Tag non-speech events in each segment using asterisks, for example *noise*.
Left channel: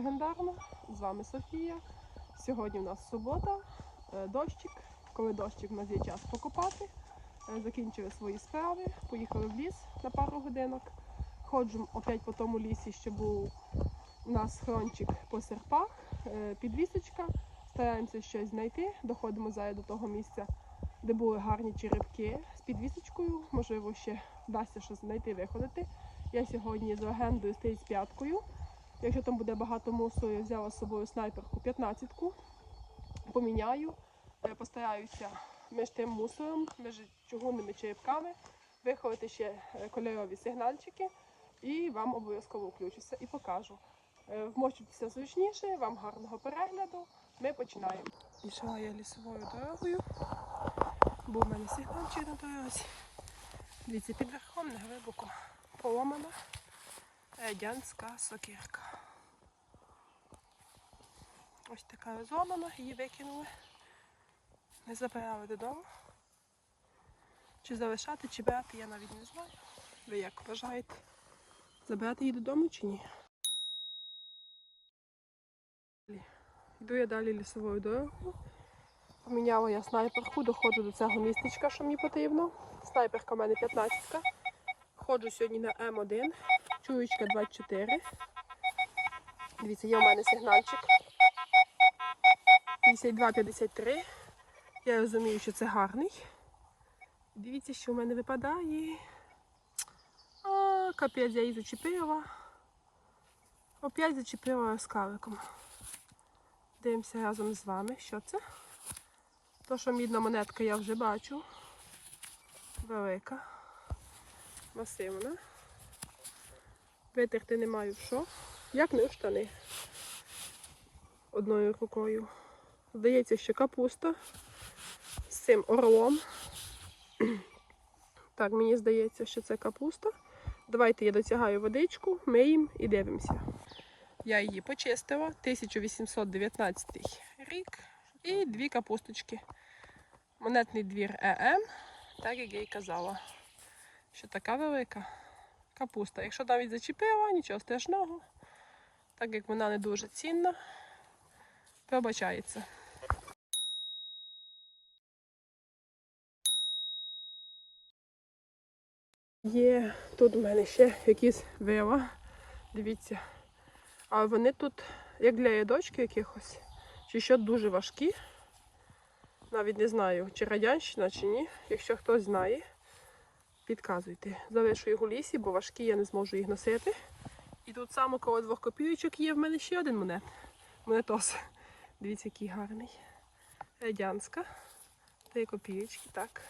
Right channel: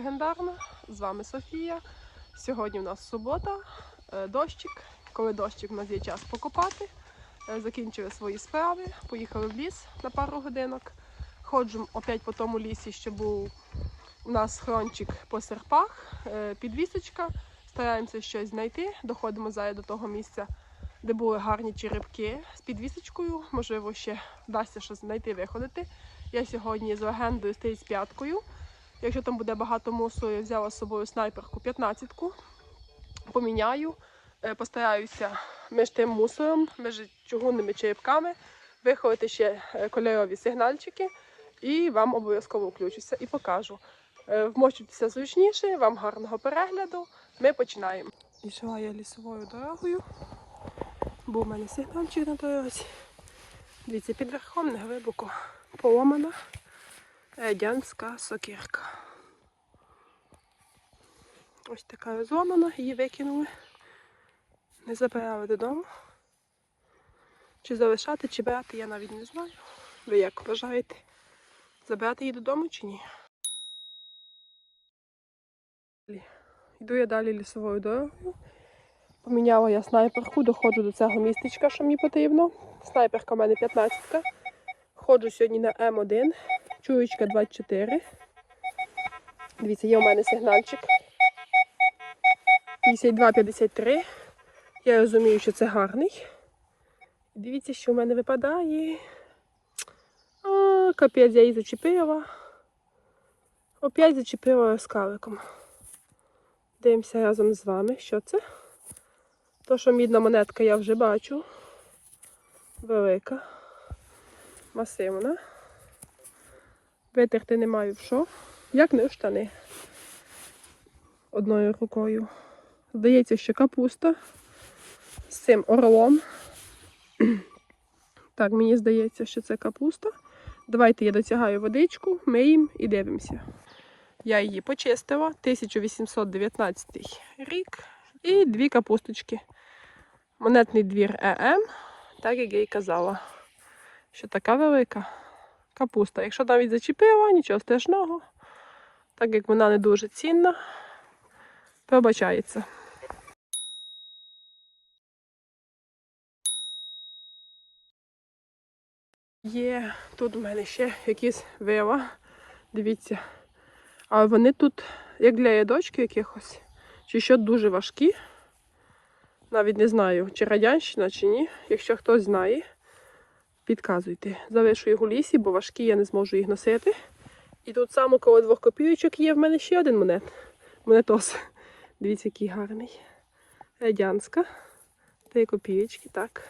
Легендарна. З вами Софія. Сьогодні у нас субота, е, дощик. Коли дощик, у нас є час покопати. Е, Закінчили свої справи, поїхали в ліс на пару годинок. Ходжу опять по тому лісі, що був у нас хрончик по серпах, е, підвісочка. Стараємося щось знайти. Доходимо зараз до того місця, де були гарні черепки з підвісочкою. Можливо, ще вдасться щось знайти, виходити. Я сьогодні з легендою з п'яткою. Якщо там буде багато мусу, я взяла з собою снайперку 15-ку. Поміняю, Е, постараюся між тим мусором, між чугунними черепками виховати ще е, кольорові сигнальчики і вам обов'язково включуся і покажу. Е, Вмощуйтеся зручніше, вам гарного перегляду. Ми починаємо. Йшла я лісовою дорогою. Був у мене сигнальчик на дорозі. Дивіться, під верхом не глибоко поломана радянська сокирка. Ось така розломана, її викинули. Не забирали додому. Чи залишати, чи брати, я навіть не знаю. Ви як вважаєте? Забирати її додому чи ні? Йду я далі лісовою дорогою. Поміняла я снайперку, доходжу до цього містечка, що мені потрібно. Снайперка в мене 15-ка. Ходжу сьогодні на М1, чуєчка 24. Дивіться, є у мене сигнальчик. 52-53. Я розумію, що це гарний. Дивіться, що в мене випадає. А, капець, я її зачепила. Опять зачепила скаликом. Дивимося разом з вами, що це. То, що мідна монетка, я вже бачу. Велика. Масивна. Витерти не маю в що. Як не штани. Одною рукою. Здається, що капуста з цим орлом. *clears throat* Так, мені здається, що це капуста. Давайте я дотягаю водичку, миємо і дивимося. Я її почистила, 1819 рік. І дві капусточки. Монетний двір ЕМ, так як я й казала, що така велика капуста. Якщо навіть зачепила, нічого страшного, так як вона не дуже цінна, пробачається. Є тут у мене ще якісь вила. Дивіться. А вони тут, як для ядочки якихось, чи що дуже важкі. Навіть не знаю, чи радянщина, чи ні. Якщо хтось знає, підказуйте. Залишу їх у лісі, бо важкі, я не зможу їх носити. І тут саме коло двох копійочок є в мене ще один монет. Монетос. Дивіться, який гарний. Радянська. Три копійочки, так.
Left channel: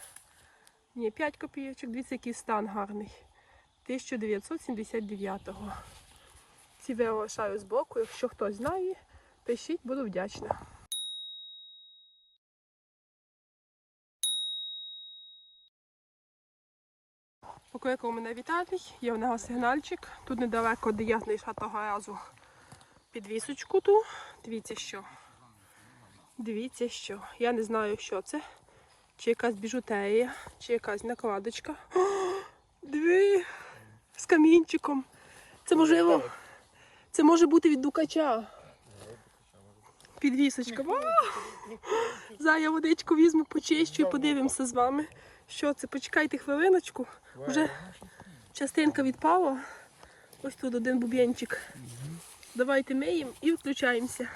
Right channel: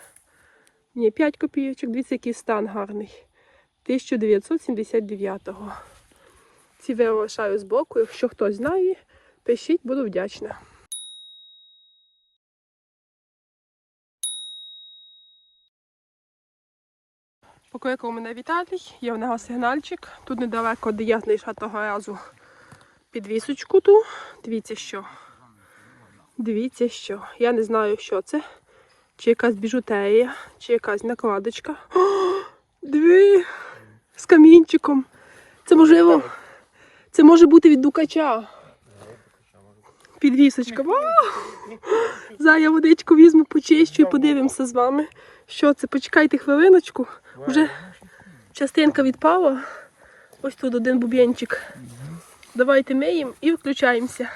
Ні, 5 копійочок. Дивіться, який стан гарний. 1979-го. Ці лишаю з боку. Якщо хтось знає, пишіть, буду вдячна. Покликав мене Віталій, є в нього сигнальчик. Тут недалеко, де я знайшла того разу підвісочку ту. Дивіться що. Дивіться що. Я не знаю, що це. Чи якась біжутерія, чи якась накладочка. О, диви! З камінчиком. Це можливо. Це може бути від дукача. Підвісочка. Зараз я водичку візьму, почищу і подивимося з вами. Що це? Почекайте хвилиночку. Вже частинка відпала. Ось тут один буб'янчик. Давайте миємо і включаємося.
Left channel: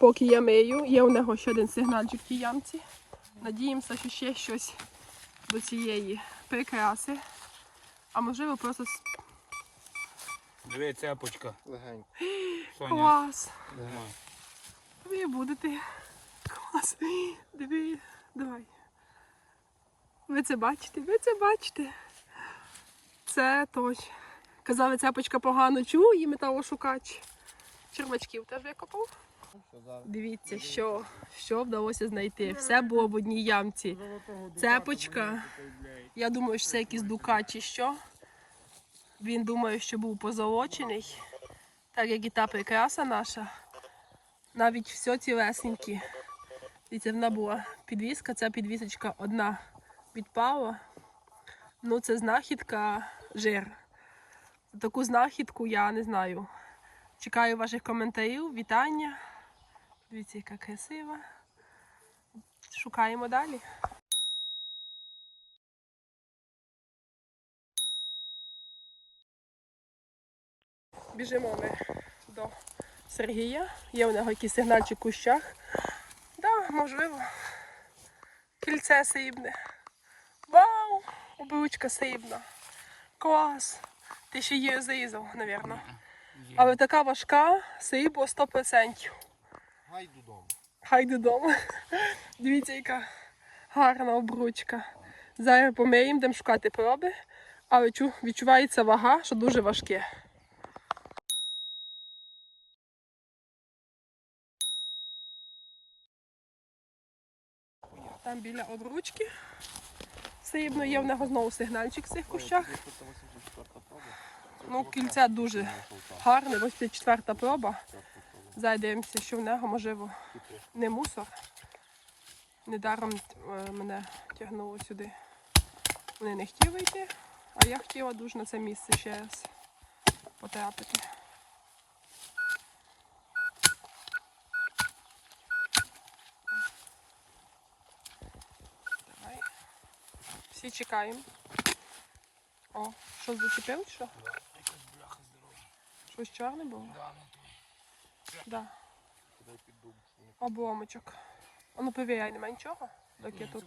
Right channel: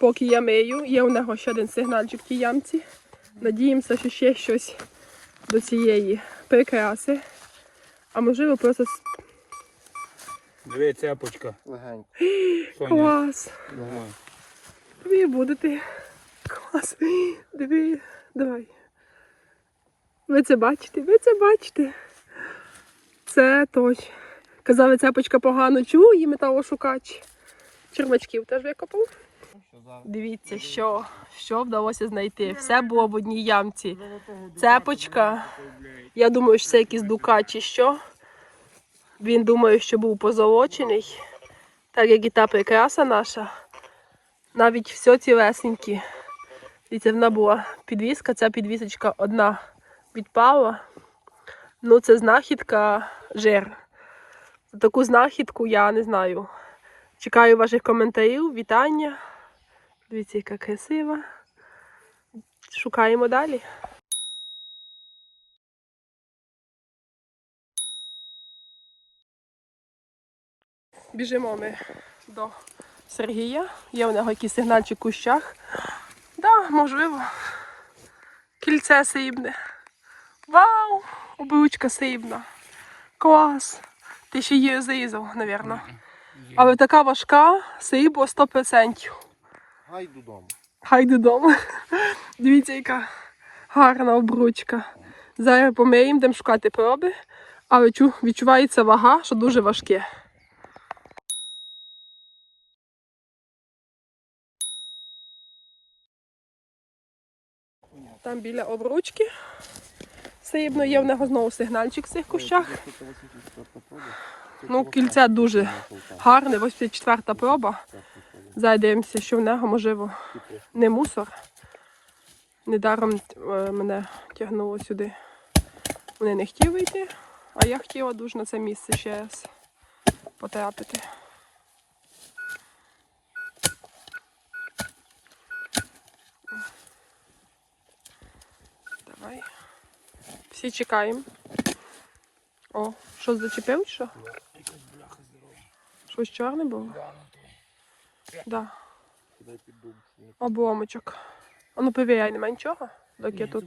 Поки я мию, є у нього ще один сигнальчик в тій ямці. Надіємося, що ще щось до цієї прикраси. А можливо просто Диви, цепочка. Клас. Ви будете. Клас. Диви, давай. Ви це бачите? Ви це бачите? Це точно. Казали, цепочка погано чує, металошукач. Червачків теж викопав. Дивіться, що, що вдалося знайти. Все було в одній ямці. Цепочка. Я думаю, що це якийсь дукач чи що. Він думає, що був позолочений. Так як і та прикраса наша. Навіть все цілесенькі. Дивіться, вона була підвіска, ця підвісочка одна відпала. Ну, це знахідка жир. Таку знахідку я не знаю. Чекаю ваших коментарів, вітання. Дивіться, яка красива. Шукаємо далі. Біжимо ми до Сергія. Є у нього якийсь сигнальчик в кущах. Да, можливо. Кільце сибне. Вау! Обручка сибна. Клас. Ти ще її зрізав, мабуть. Але така важка, сибло 100%. Гай додому. Хай додому. Дивіться, яка гарна обручка. Зараз помиємо, будемо шукати проби, але відчувається вага, що дуже важке. Там біля обручки. Срібно є в нього знову сигнальчик в цих кущах. Ну, кільце дуже гарне, 84 проба. Зараз дивимося, що в нього, можливо, не мусор. Недаром е, мене тягнуло сюди. Вони не хотіли йти, а я хотіла дуже на це місце ще раз потрапити. Давай. Всі чекаємо. О, що зачепив? Що? Щось чорне було? Да. Обломочок. А ну перевіряй, нема нічого, доки я тут.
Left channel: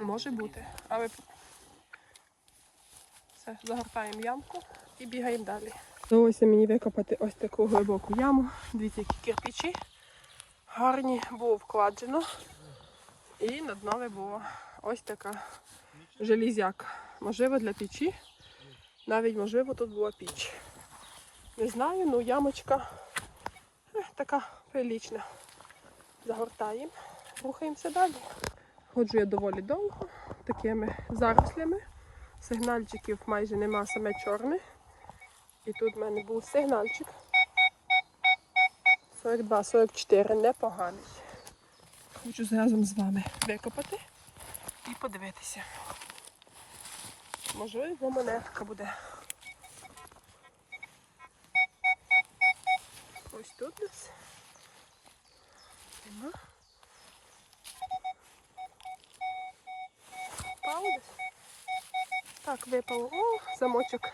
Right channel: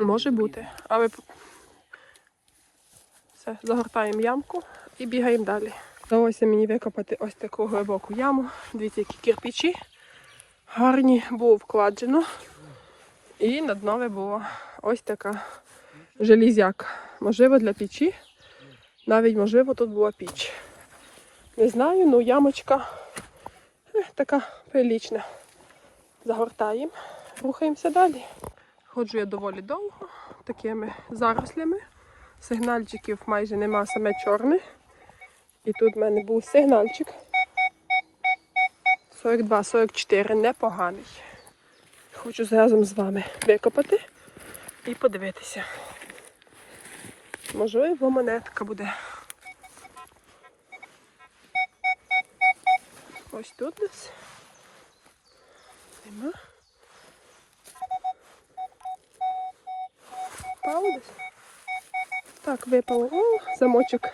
Може бути. Але все, загортаємо ямку і бігаємо далі. Вдалося мені викопати ось таку глибоку яму. Дивіться, які кирпичі. Гарні було вкладено. І на днові було ось така желізяка. Можливо, для печі. Навіть можливо тут була піч. Не знаю, ну ямочка така прилічна. Загортаємо, рухаємося далі. Ходжу я доволі довго, такими зарослями. Сигнальчиків майже нема, саме чорне. І тут в мене був сигнальчик. 42-44, непоганий. Хочу разом з вами викопати і подивитися. Можливо, монетка буде. Ось тут десь. Нема. Впало десь. Так, випало. О, замочок.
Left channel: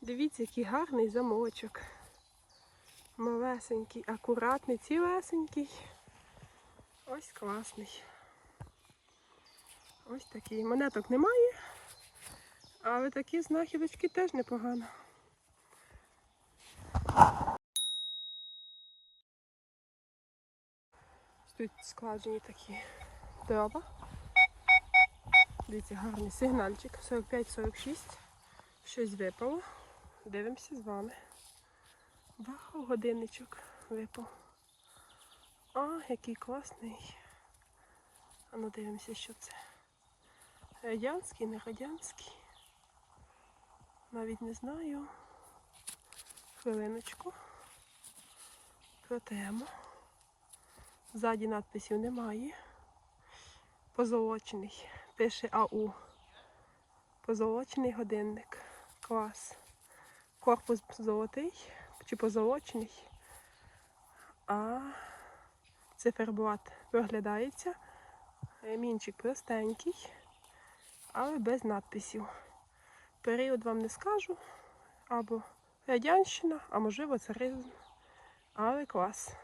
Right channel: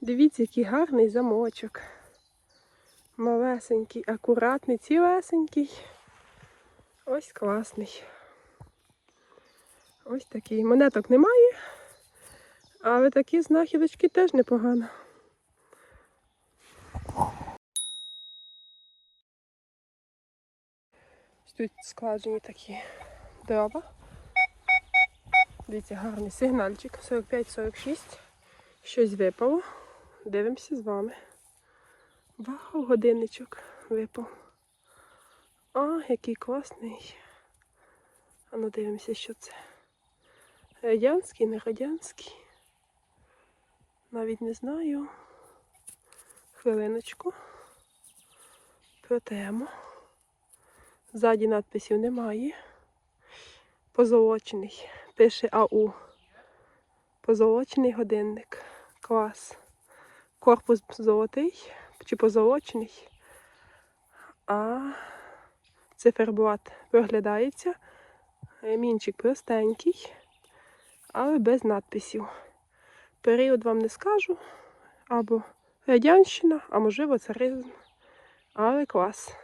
Дивіться, який гарний замочок. Малесенький, акуратний, цілесенький. Ось класний. Ось такий. Монеток немає, але такі знахідочки теж непогано. Тут складені такі дрова. Дивіться, гарний сигнальчик. 45-46. Щось випало. Дивимося з вами. Вау, годинничок випав. А, який класний. А ну дивимося, що це. Радянський, не радянський. Навіть не знаю. Хвилиночку. Протремо. Ззаді надписів немає. Позолочений. Пише АУ. Позолочений годинник. Клас. Корпус золотий чи позолочений. А циферблат проглядається. Мінчик простенький, але без надписів. Період вам не скажу. Або радянщина, а можливо царизм. Але клас.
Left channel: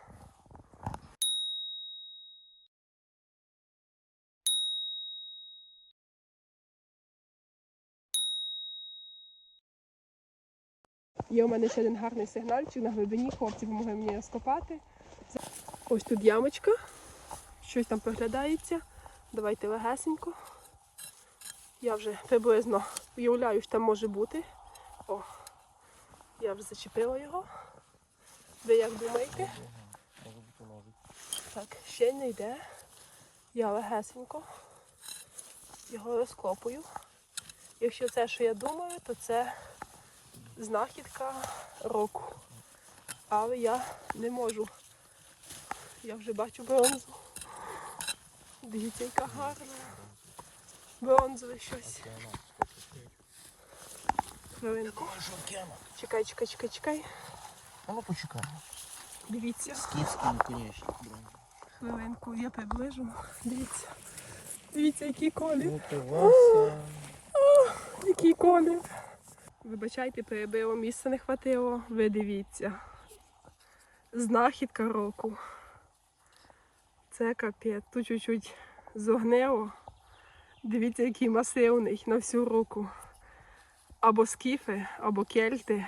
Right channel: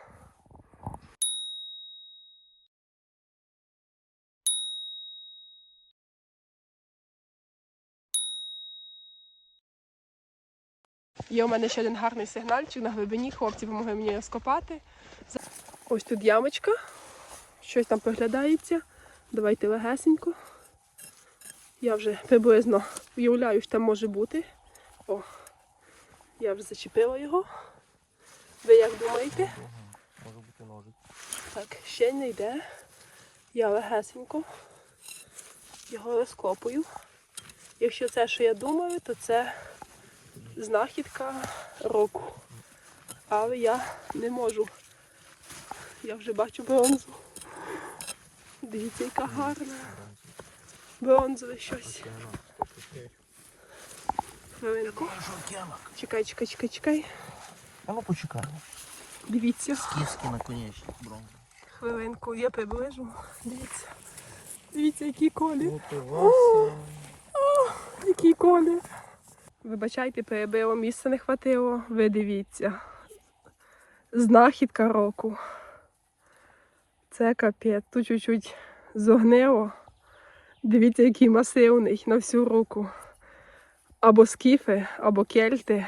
Є у мене ще один гарний сигнальчик на глибині. Хлопці допомогли мені розкопати. Ось тут ямочка. Щось там проглядається. Давайте легесенько. Я вже приблизно уявляю, що там може бути. О, я вже зачепила його. Ви як думаєте? Може бути ножик. Так, ще не йде. Я легесенько його розкопую. Якщо це, що я думаю, то це знахідка року. Але я не можу. Я вже бачу бронзу. Дивіться, яка гарна. Бронзове щось. Хвилинку. Чекай, чекай, чекай, чекай. А ну почекаємо. Дивіться. Киски наконечник бронзовий. Хвилинку, я приближу. Дивіться. Дивіться, який колір. Вася. Який колір. Вибачайте, перебило, місця не хватило. Ви дивіться. Знахідка року. Це капець. Тут чуть-чуть зогнило. Дивіться, який масивний на всю руку. Або скіфи, або кельти.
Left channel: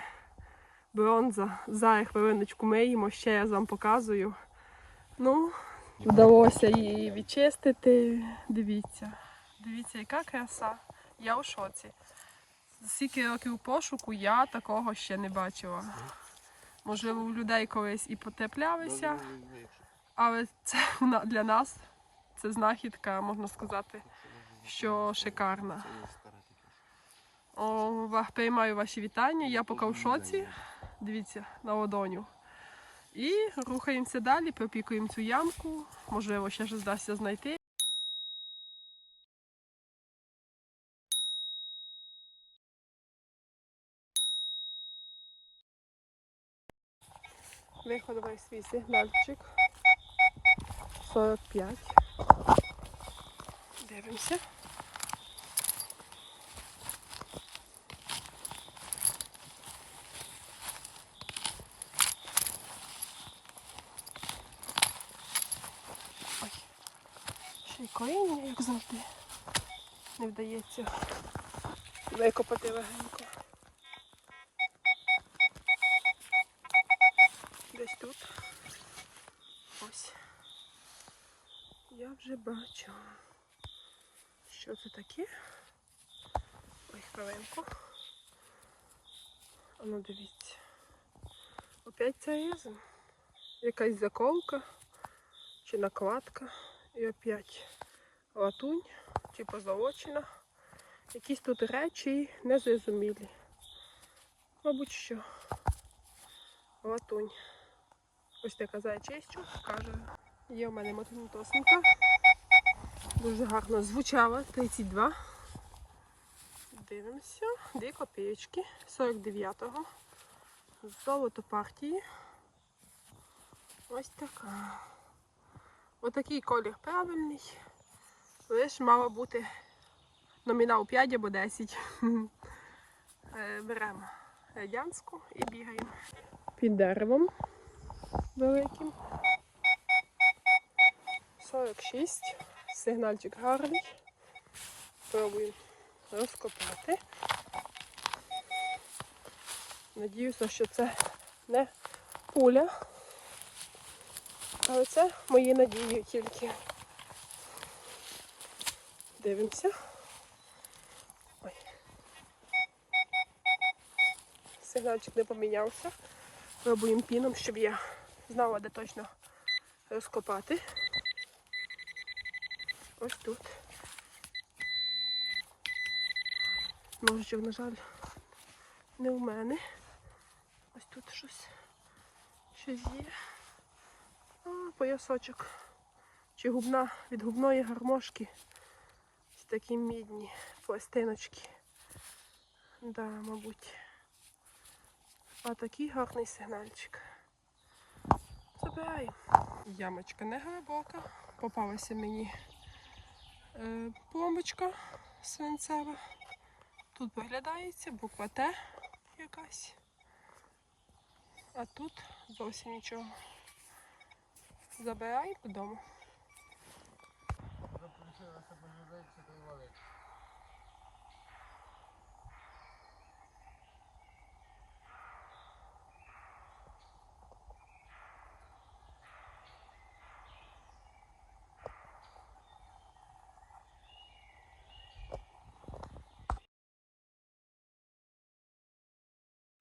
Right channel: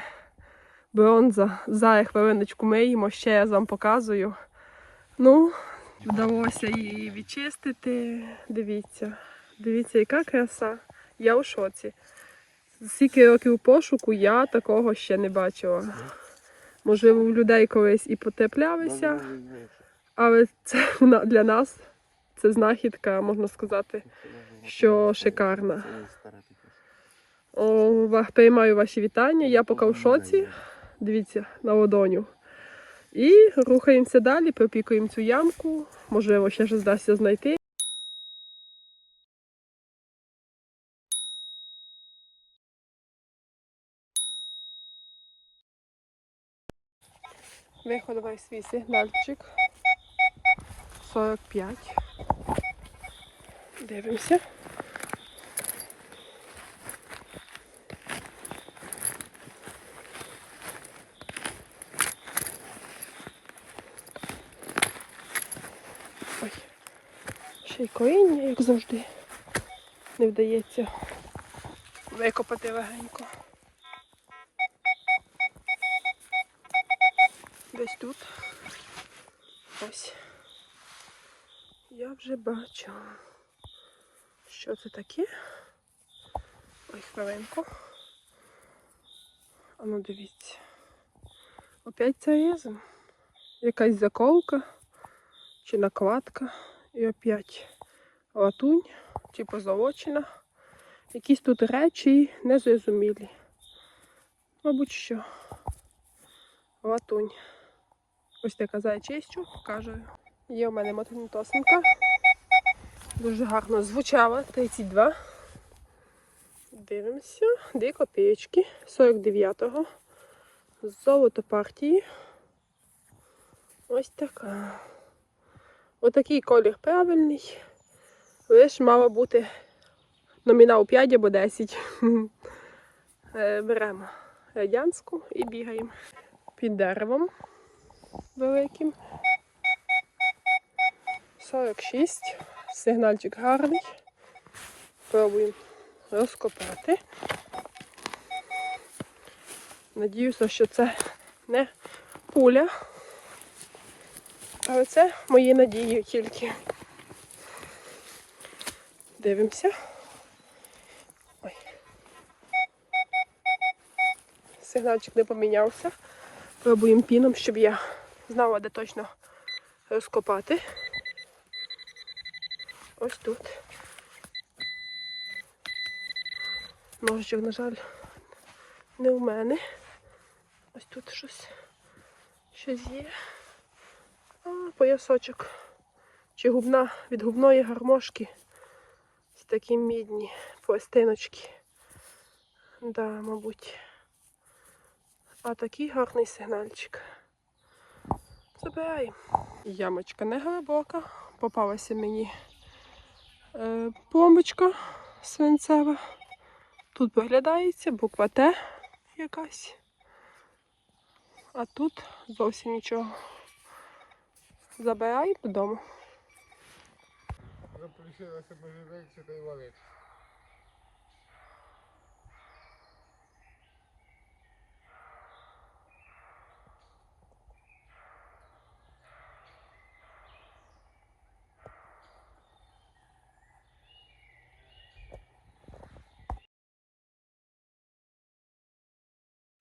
Бронза. Зараз хвилиночку миємо, ще я вам показую. Ну, вдалося її відчистити. Дивіться. Дивіться, яка краса. Я у шоці. Скільки років пошуку я такого ще не бачила. Можливо, у людей колись і потеплялися, але це *laughs* для нас це знахідка, можна сказати. Що шикарна. О, приймаю ваші вітання. Я поки в шоці. Дивіться на ладоню. І рухаємося далі, пропікуємо цю ямку. Можливо, ще щось вдасться знайти. Виходовий свій сигнальчик. 45. Дивимося. Ой. Ще й коріння, як завжди. Не вдається викопати легенько. Десь тут. Ось. Я вже бачу. Що це таке? Ой, хвилинку. А ну дивіться. Опять це резин. Якась заколка чи накладка. І опять латунь чи позолочена. Якісь тут речі незрозумілі. Мабуть, що. Латунь. Ось така зайчистю, каже. Є у мене мотонітосинка. Дуже гарно звучала. 32. Дивимося. Дві копійки 49-го. Золото партії. Ось така. Отакий колір правильний. Лиш мало бути номінал 5 або 10. *laughs* Е, Беремо радянську і бігаємо під деревом великим. 46. Сигнальчик гарний. Пробуємо розкопати. Надіюся, що це не пуля. Але це мої надії тільки. Дивимося. Ой. Сигнальчик не помінявся. Пробуємо піном, щоб я знала, де точно розкопати. Ось тут. Ножичок, на жаль, не у мене. Ось тут щось. Щось є. А, поясочок. Чи губна від губної гармошки. Ось такі мідні пластиночки. Да, мабуть. А такий гарний сигнальчик. Забираємо. Ямочка не глибока. Попалася мені е, свинцева. Тут виглядається буква Т якась. А тут зовсім нічого. Забираємо додому. Запрещилося можливість та й валити.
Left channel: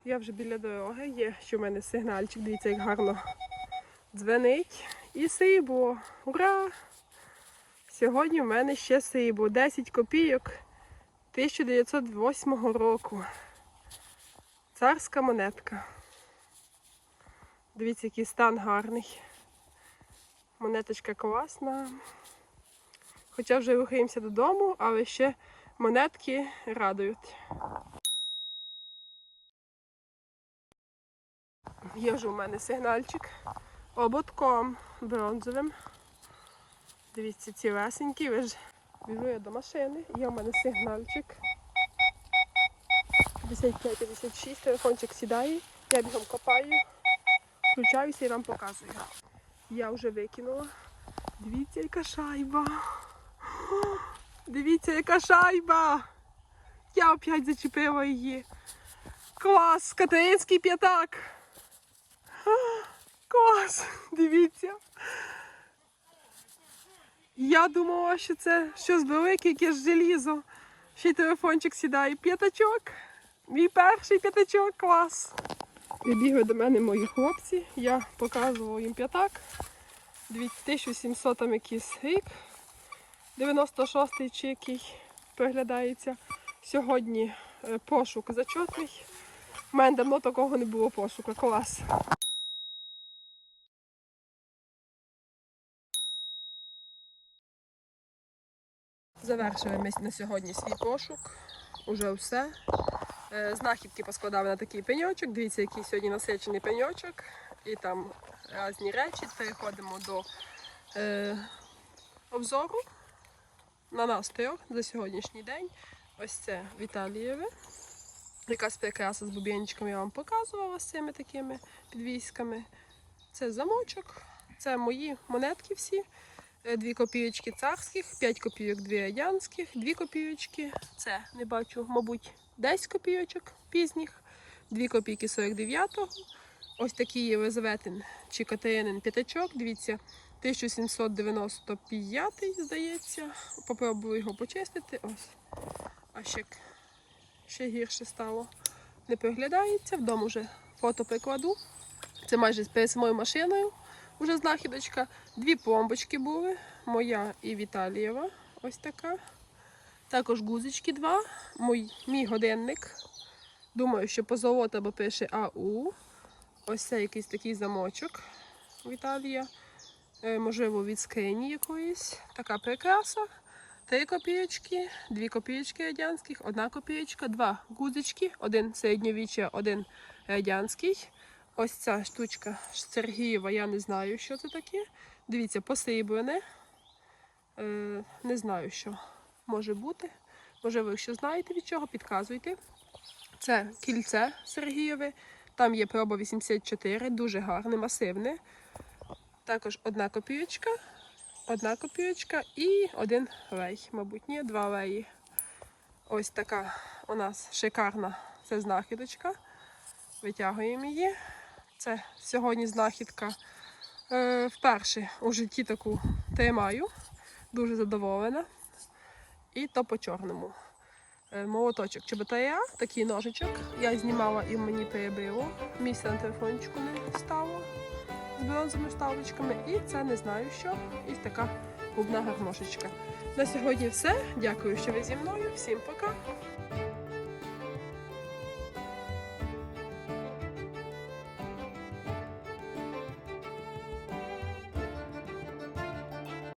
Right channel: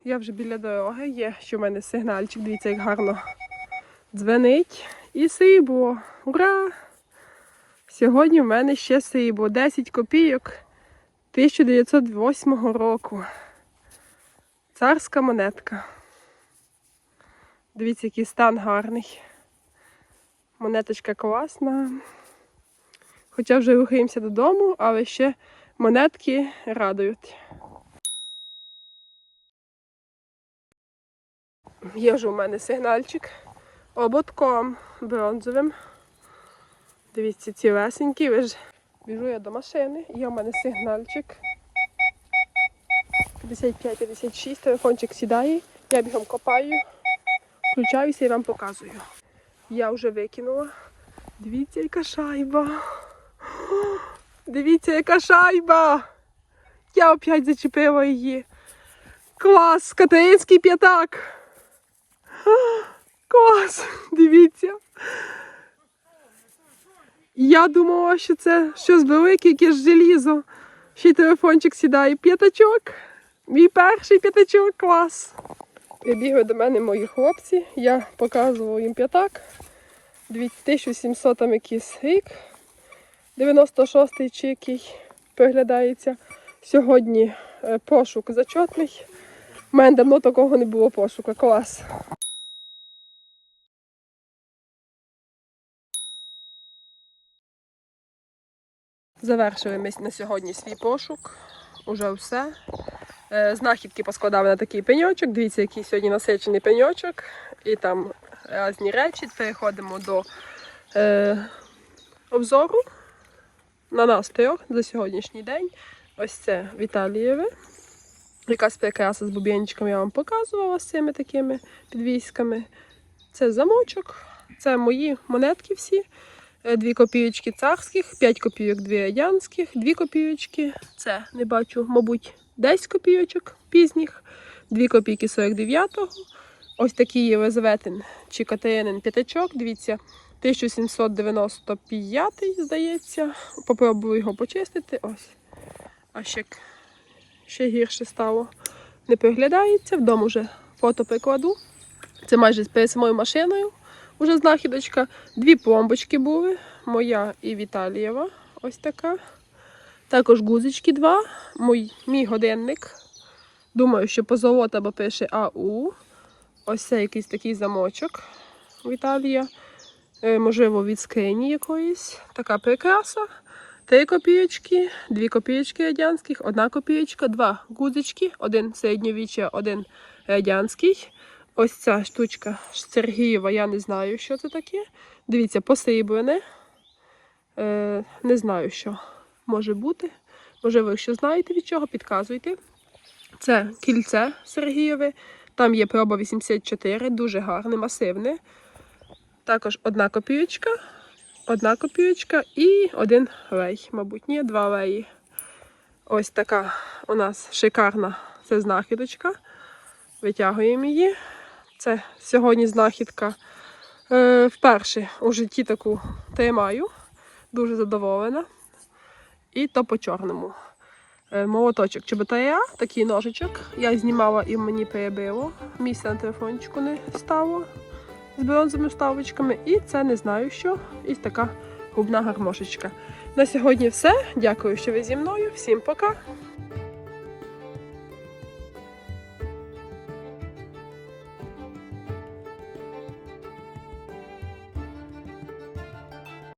Я вже біля дороги є, що в мене сигнальчик, дивіться, як гарно дзвенить. І срібло. Ура! Сьогодні в мене ще срібло. 10 копійок 1908 року. Царська монетка. Дивіться, який стан гарний. Монеточка класна. Хоча вже рухаємося додому, але ще монетки радують. Є вже у мене сигнальчик ободком бронзовим. Дивіться, ці весенькі, ви ж біжу я до машини, є у мене сигнальчик. 55-56, телефончик сідає, я бігом копаю, включаюся і вам показую. Я вже викинула. Дивіться, яка шайба. Дивіться, яка шайба. Я опять зачепила її. Клас! Катеринський п'ятак. Клас! Дивіться. Я думала, що це щось велике, якесь желізо. Ще й телефончик сідає. П'ятачок. Мій перший п'ятачок, клас. Прибігли до мене мої хлопці. Я показувала їм п'ятак. 2700 там якийсь рік. 96-й чи який приглядається. Сьогодні е, пошук зачетний. У мене давно такого не було пошуку. Клас. Завершили ми на сьогодні свій пошук. Уже все. Е, Знахідки поскладали на такий пеньочок. Дивіться, який сьогодні насичений пеньочок. І там різні речі. Переходимо до е, обзору на нас трьох за сьогоднішній день. Ось це Віталієве. Якась прикраса з бубенчиками я вам показувала з цими такими підвісками. Це замочок, це мої монетки всі. Е, Дві копійочки царських, 5 копійок, дві радянських, дві копійочки. Це не бачу, мабуть, 10 копійочок пізніх, 2 копійки 49-го. Ось такий Єлизаветин чи Катеринин п'ятачок. Дивіться, 1795, здається. Попробую його почистити. Ось. А ще, ще гірше стало. Не приглядається. Вдома вже фото прикладу. Це майже перед самою машиною. Уже знахідочка. Дві пломбочки були. Моя і Віталієва. Ось така. Також гузички два. Мій, мій годинник. Думаю, що позолота, бо пише АУ. Ось це якийсь такий замочок Віталія. Е, можливо, від скрині якоїсь. Така прикраса. Три копійочки, дві копійочки радянських, одна копійочка, два гудзички, один середньовіччя, один радянський. Ось ця штучка Сергієва, я не знаю, що це таке. Дивіться, посріблене. Е, не знаю, що може бути. Можливо, якщо знаєте від чого, підказуйте. Це кільце Сергієве. Там є проба 84, дуже гарне, масивне. Також одна копійочка, одна копійочка і один лей. Мабуть, ні, два леї. Ось така у нас шикарна це знахідочка. Витягуємо її. Це сьогодні знахідка. Е, вперше у житті таку тримаю. Дуже задоволена. І то по чорному. Е, молоточок чоботаря, такий ножичок. Я знімала і мені перебило. Місця на телефончику не стало з бронзовими вставочками. І це не знаю що. І така губна гармошечка. На сьогодні все. Дякую, що ви зі мною. Всім пока!